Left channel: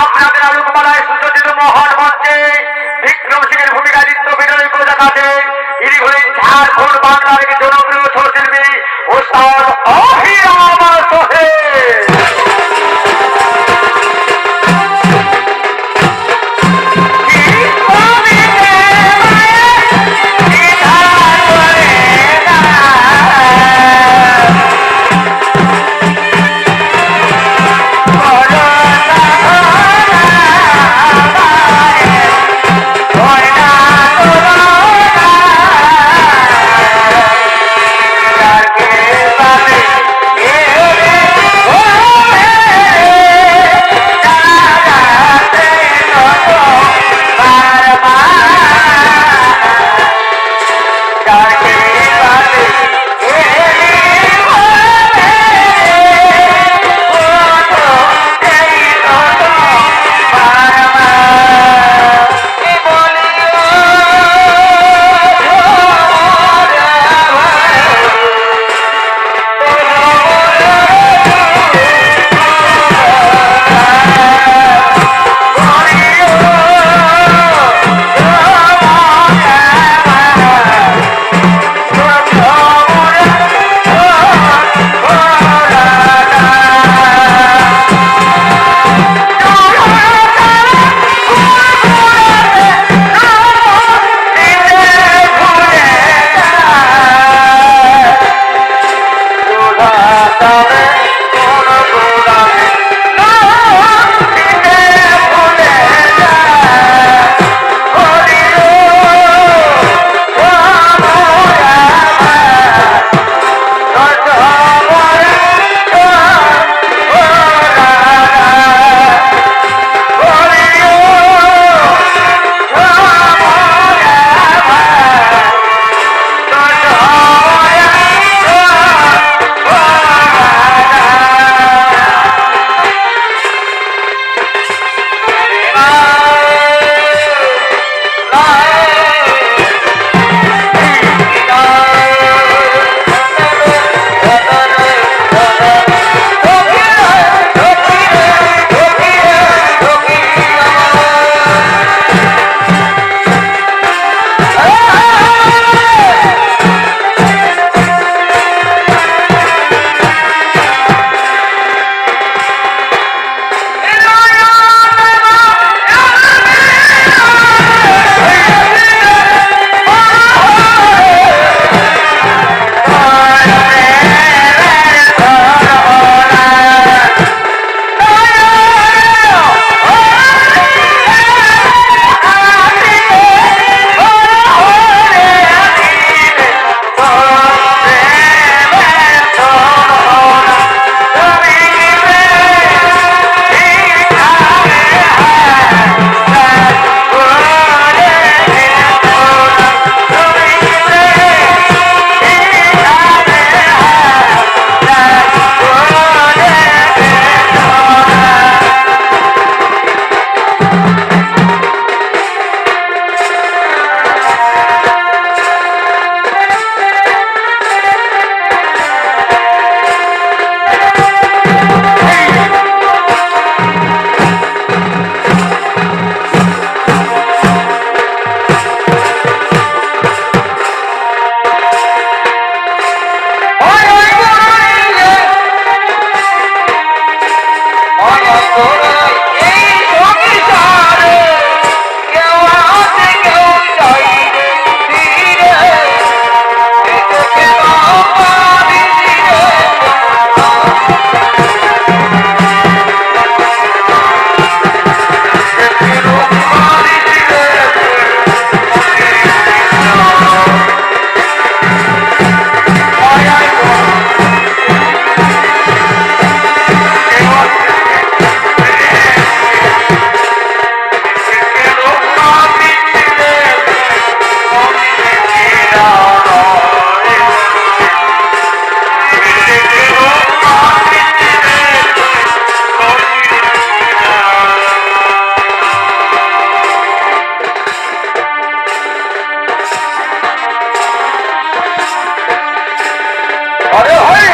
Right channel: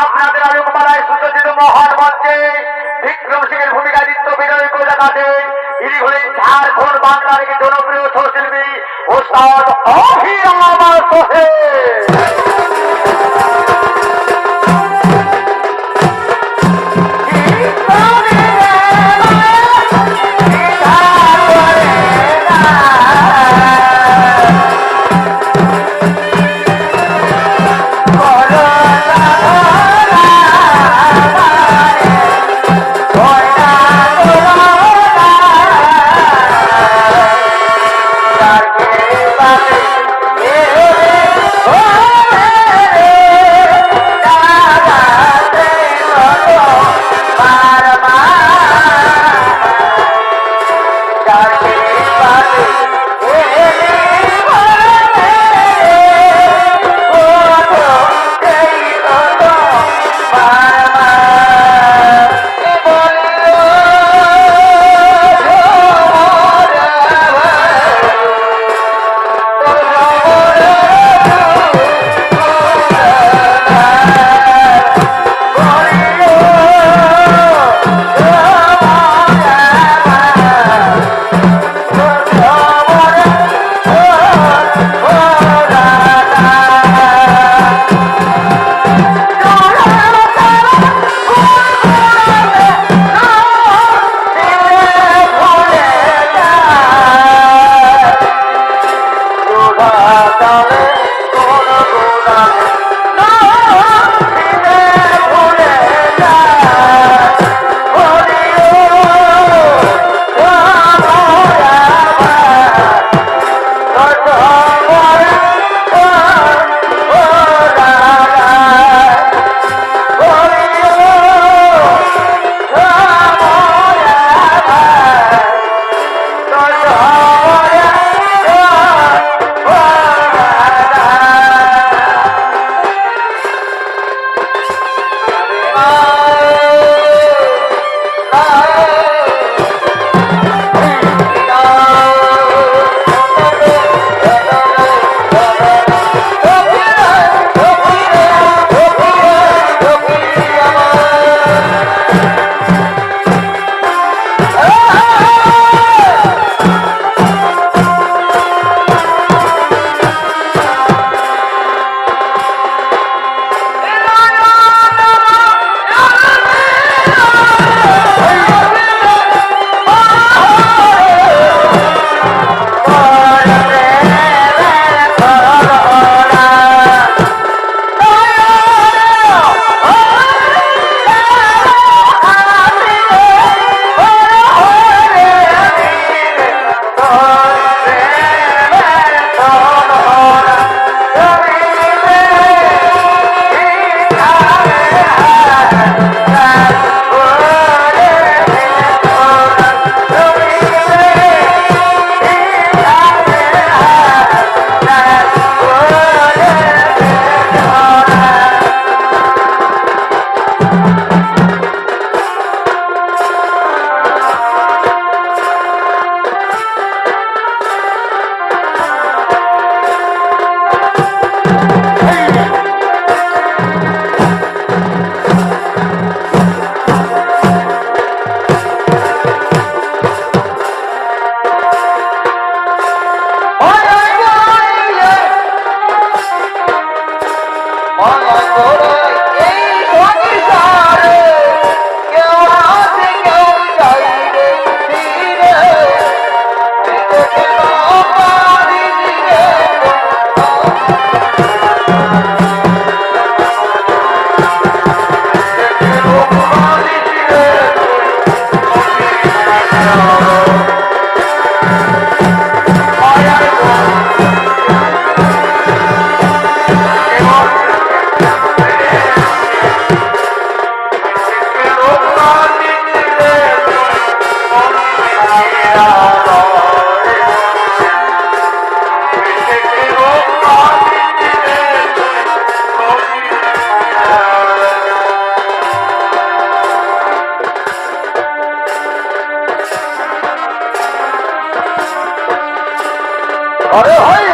আপনাদের আলোকমালায় সুসজ্জিত মহান মঞ্চে বিক্রম সিংহের ভূমিকা নৃত্য বিনয় করে দেখাতে ইনি হলেন ঝাড়খণ্ড বাংলার একটি জনপ্রিয় ছবিশিল্পী ওস্তাদ অভিরাম সোহেল। আরে ভাই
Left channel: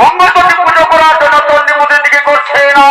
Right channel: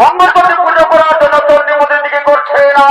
মঙ্গলচন্ডী পুজো করার জন্য চন্ডী মন্দির দিকে করছে না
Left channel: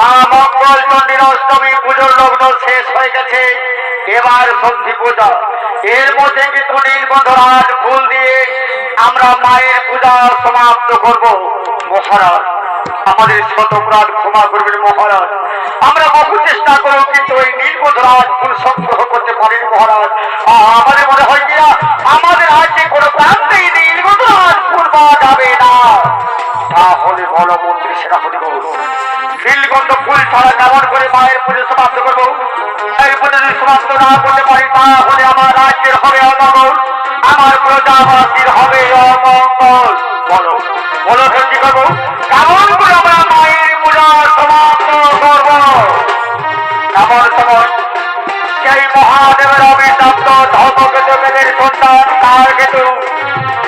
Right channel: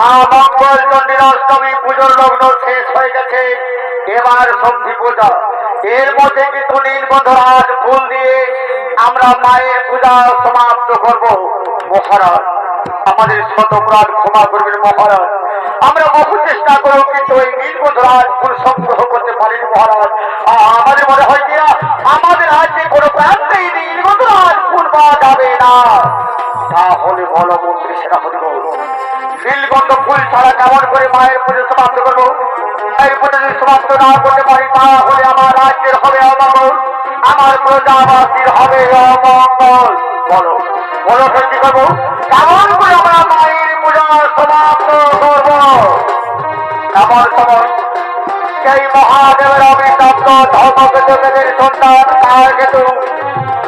মা মঙ্গলচন্ডীর অষ্টমী পুজোর লগ্ন শেষ হয়ে গেছে, এবার সন্ধি পূজা। এর মধ্যে কিন্তু নীলবন্ধরাজ ফুল দিয়ে আমরা মায়ের পূজা সমাপ্ত করব। মহারাজ আমাদের শত অপরাধ ক্ষমা করবেন মহারাজ। আমরা বহু চেষ্টা করব কিন্তু এই নীলবন্ধরাজ ফুল সংগ্রহ করতে পারেন মহারাজ। আমাদের মনে হয় কি আমাদের রাজ্যে কোনো প্রান্তেই নীলবন্ধরাজ ফুল পাওয়া যাবে না। তাহলে বলো মন্ত্রী সেনাপতি নীলকণ্ঠ ফুল ছাড়া কেমন করে মায়ের পুজো সমাপ্ত করবো? এই পুজো যদি সমাপ্ত না করতে পারি তাহলে আমার রাজ্যের হবে অমঙ্গল, আমার প্রজাবাসীর হবে অমঙ্গল। বলো বলো কি করবো? কেমন করে আমরা মায়ের পূজা সমাপ্ত করব? এমন সময় সেই মহাদেবের অভিশপ্ত ধর্মকেতু মেদের সন্তান তার কেতু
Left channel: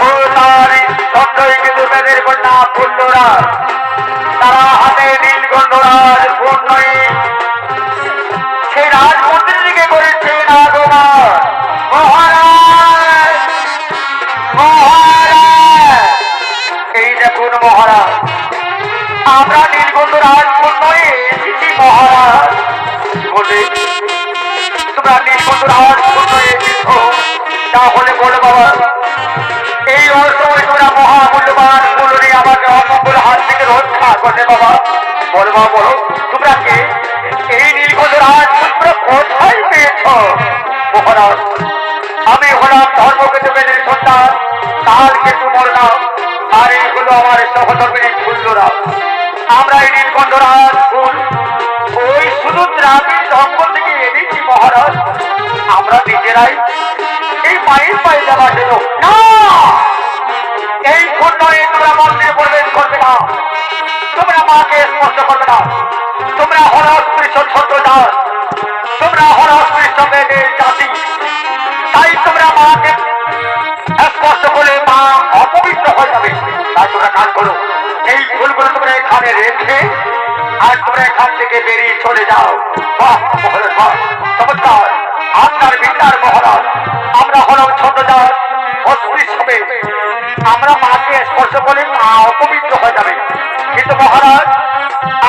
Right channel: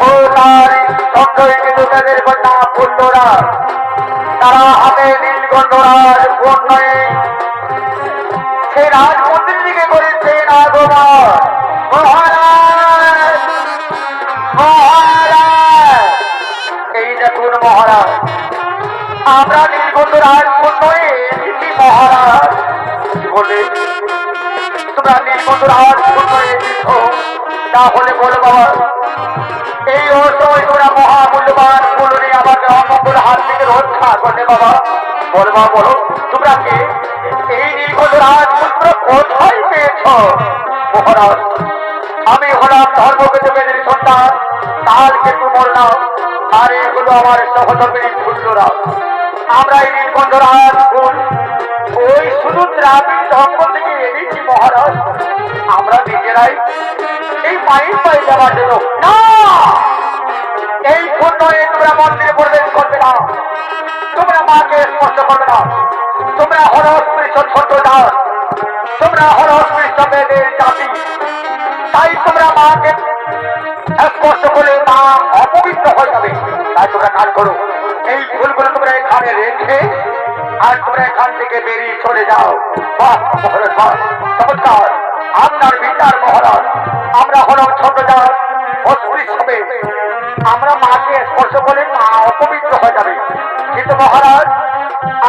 ও তার চন্দ্রই কেতু মেদের কন্যা পুণ্যরা তারা হাতে নীলকণ্ঠরাজ পূর্ণই সে রাজমন্ত্রীকে করেছেন আগমন। মহারাজ মহারাজ এই দেখুন মহারাজ, আমরা নীলকণ্ঠরাজ পূর্ণই এসেছি মহারাজ। বলে তোমরা নীলকণ্ঠরাজ পূর্ণই এসেছ, তাহলে বলো বাবা এই অসময় তোমরা মহামূল্যবান ফুল নিয়ে আমাকে অমঙ্গল হাত থেকে রক্ষা করবে বাবা। বলো বাবা বলো তোমরা কে? এই নীলকণ্ঠরাজ তোমরা কোথায় পেয়েছ? মহারাজ আমি হলাম ধর্মকেতু মেদের সন্তান কালকেতু মোর নাম, আর এই হলো আমার সহধর্মিনী ফুল্লরা। আমরা এই নীলকণ্ঠরাজ ফুল ওই শুধু গ্রামীণ জঙ্গল থেকে এনেছি মহারাজ। আমরা নিজেরাই এই পায়ের পায়ে যাওয়ার জন্য না, এই ফুল নয় তোমরা মন্দিরে প্রবেশ করবে না, তোমরা মাকে স্পর্শ করবে না। তোমরা হল অস্পৃশ্য ছোট জাত, তোমরা হল অস্পৃশ্য মেয়েদের জাতি, তাই তোমরা মাকে স্পর্শ করলে মা অপবিত্র হয়ে যাবে। তাই তোমরা কাজ করো, এই ফুলগুলো তোমরা এখানে রেখে আর তোমরা এখান থেকে বেরিয়ে চলে যাও। বাহ মহারাজ বাহ চমৎকার আপনার বিচার মহারাজ। আমরা হলাম ছোট জাত অস্পৃশ্য মেয়ে, আমরা মাকে স্পর্শ করলে মা অপবিত্র হয়ে যাবে। কিন্তু মহারাজ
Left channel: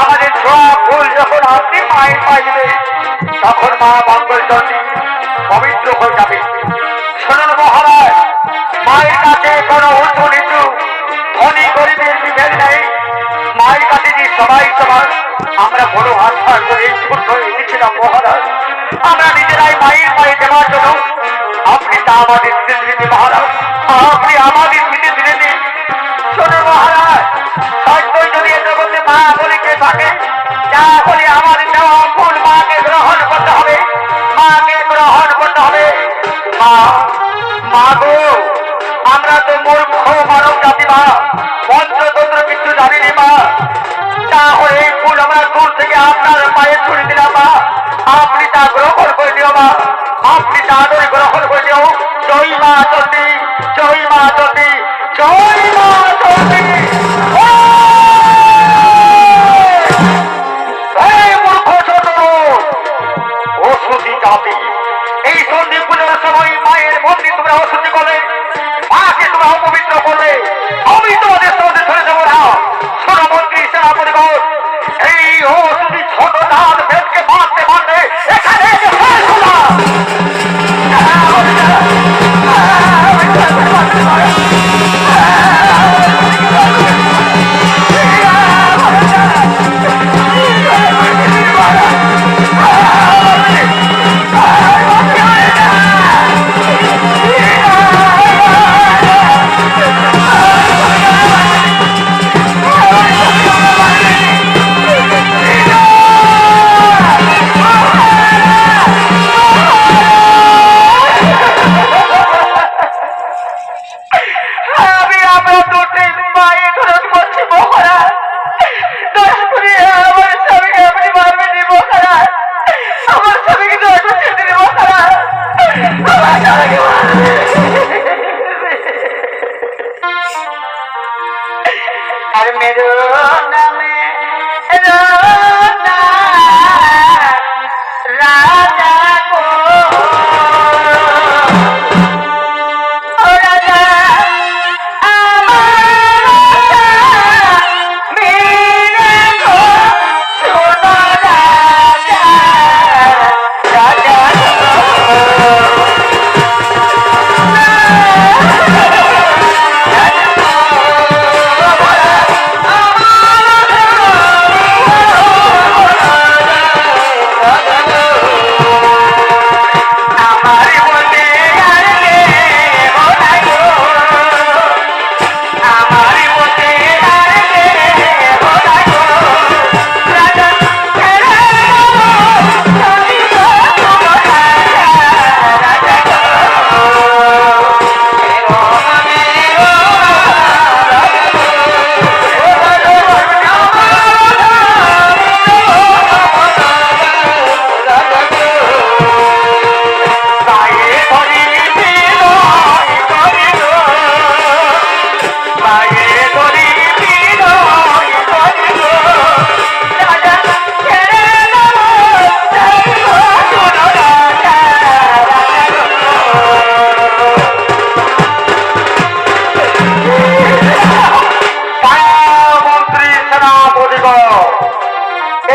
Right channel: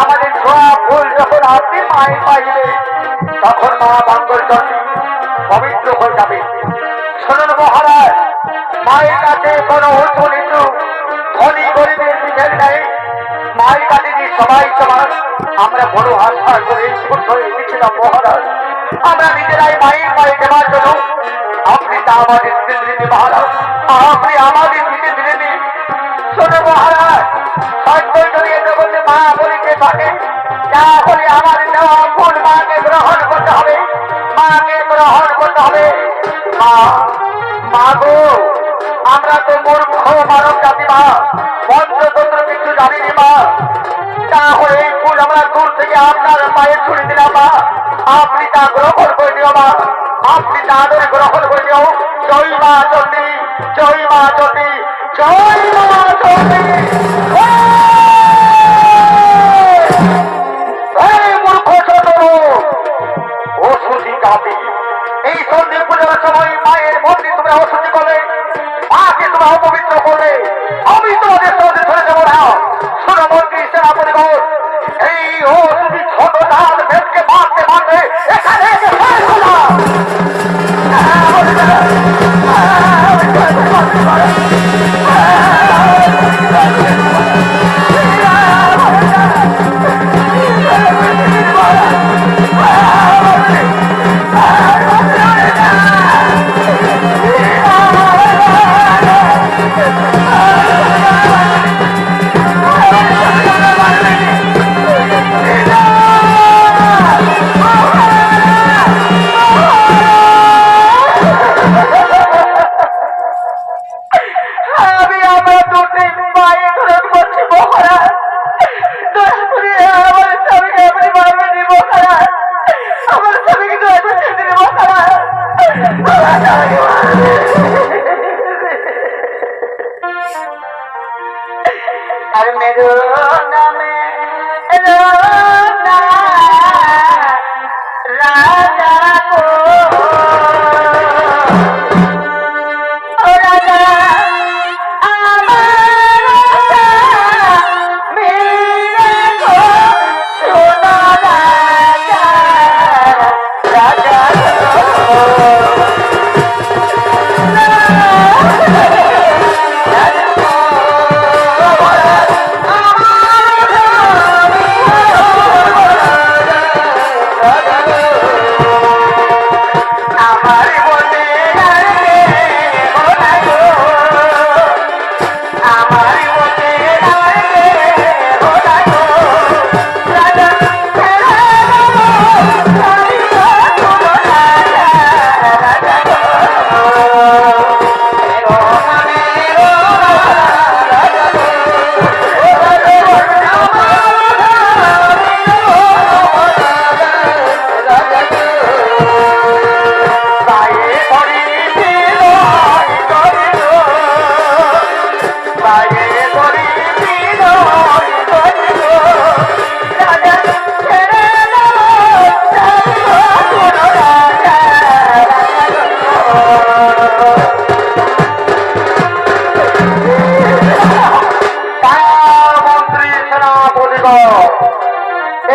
আমাদের ছোঁয়া ফুল যখন আপনি মায়ের পাইবে তখন মা মঙ্গলচণ্ডী পবিত্র হয়ে যাবে। শুনুন মহারাজ, মায়ের কাছে কোনো উঁচু নিচু ধনী গরিবের বিভেদ নেই, মায়ের কাছে যে সবাই সমান। আমরা বড় আশা করে ছোট এসেছিলাম মহারাজ, আমরা নিজেরাই মায়ের পায়ে দেওয়ার জন্য। আপনি তা আমাদের স্মৃতি মহারাজ, আপনি আমাদের স্মৃতি। শোনো মহারাজ, সত্যই যদি এ জগতে মা বলে কে থাকে তাহলে আমাদের দেওয়া ফুল মাকে গ্রহণ করতে হবে, মাকে গ্রহণ করতে হবে। মা মা গো আমরা তো মূর্খ মানব জাতি মা, মন্ত্রতন্ত্র কিছু জানিনি মা। তাহলে এই ফুল আমরা দূর থেকে আপনার পায়ে ছুড়ে দিলাম মা, আপনি তা গ্রহণ করে দিও মা, আপনি তা আদরে গ্রহণ করে দিও। জয় মা চণ্ডী, জয় মা চণ্ডী, জয় মা চণ্ডী। মূর্খ ছোট অশুদ্ধি জাতি, এই সন্ধি পূজার সময় মায়ের মন্দির তোমরা অশুদ্ধি করলে, মাকে তোমরা অপবিত্র করলে, আমি তোমাদের সঙ্গে ধরে দেবো না। শোনো মন্ত্রী সেনাপতিগণ, এই অশুদ্ধি ছোট জাত ভেদকে মারতে মারতে এখানে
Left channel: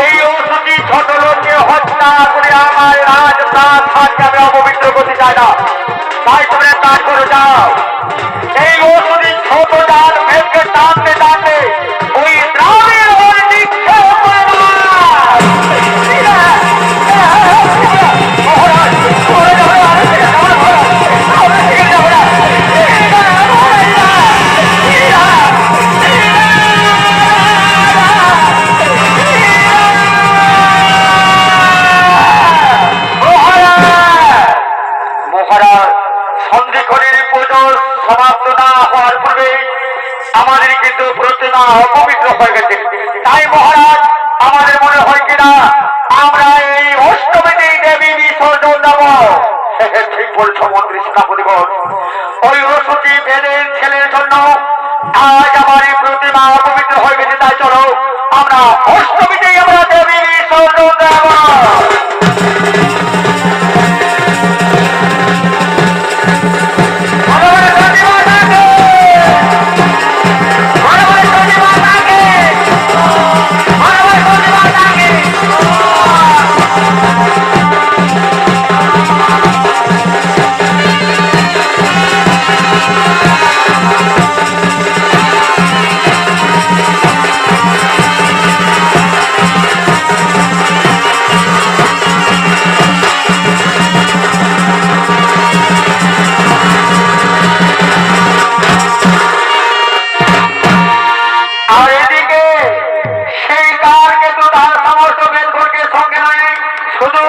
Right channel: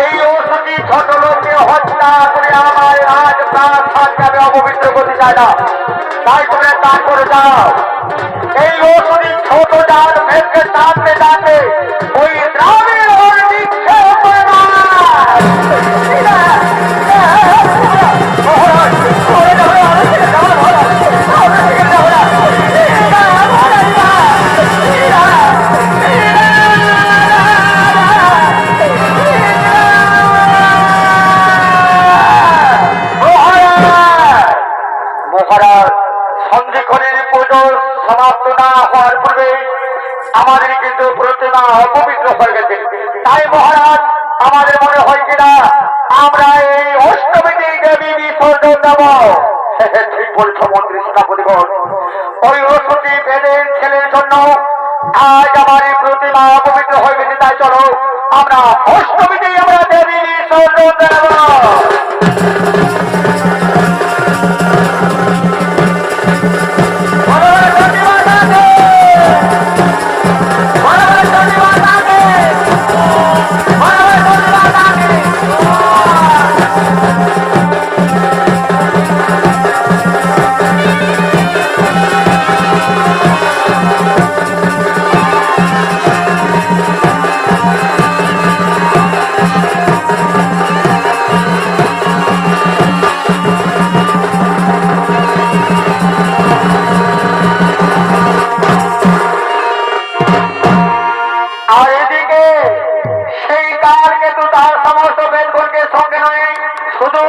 এই ওষুধি ছোট লোককে হত্যা করে আমার রাজ প্রাণ থাকতে আমি অপবিত্র করতে চাই না, তাই তোমরা কাজ করে যাও। এই ওষুধি ছোট ডাল ভেঙে টানতে টানতে ওই গ্রামের ওর নিক্ষেপ সন্ধিক্ষণের পুজো সমাপ্ত না হওয়ার পূর্বে আমাদের কিন্তু প্রতিমা অপবিত্র হয়ে গেছে। তাই মহারাজ আমাদের মনে হয় কিনা আমরা এই অষ্টমীতেই দেবী বিসর্জন দেব। ঠিক বলছো মন্ত্রী সেনাপতিগণ, ওই ওষুধি বেদের ছেলের জন্য আজ আমার এই প্রতিমা অপবিত্র হয়ে গেছে। তাই চলো আমরা অষ্টমীতেই আমরা দেবী বিসর্জন দেব। শুধু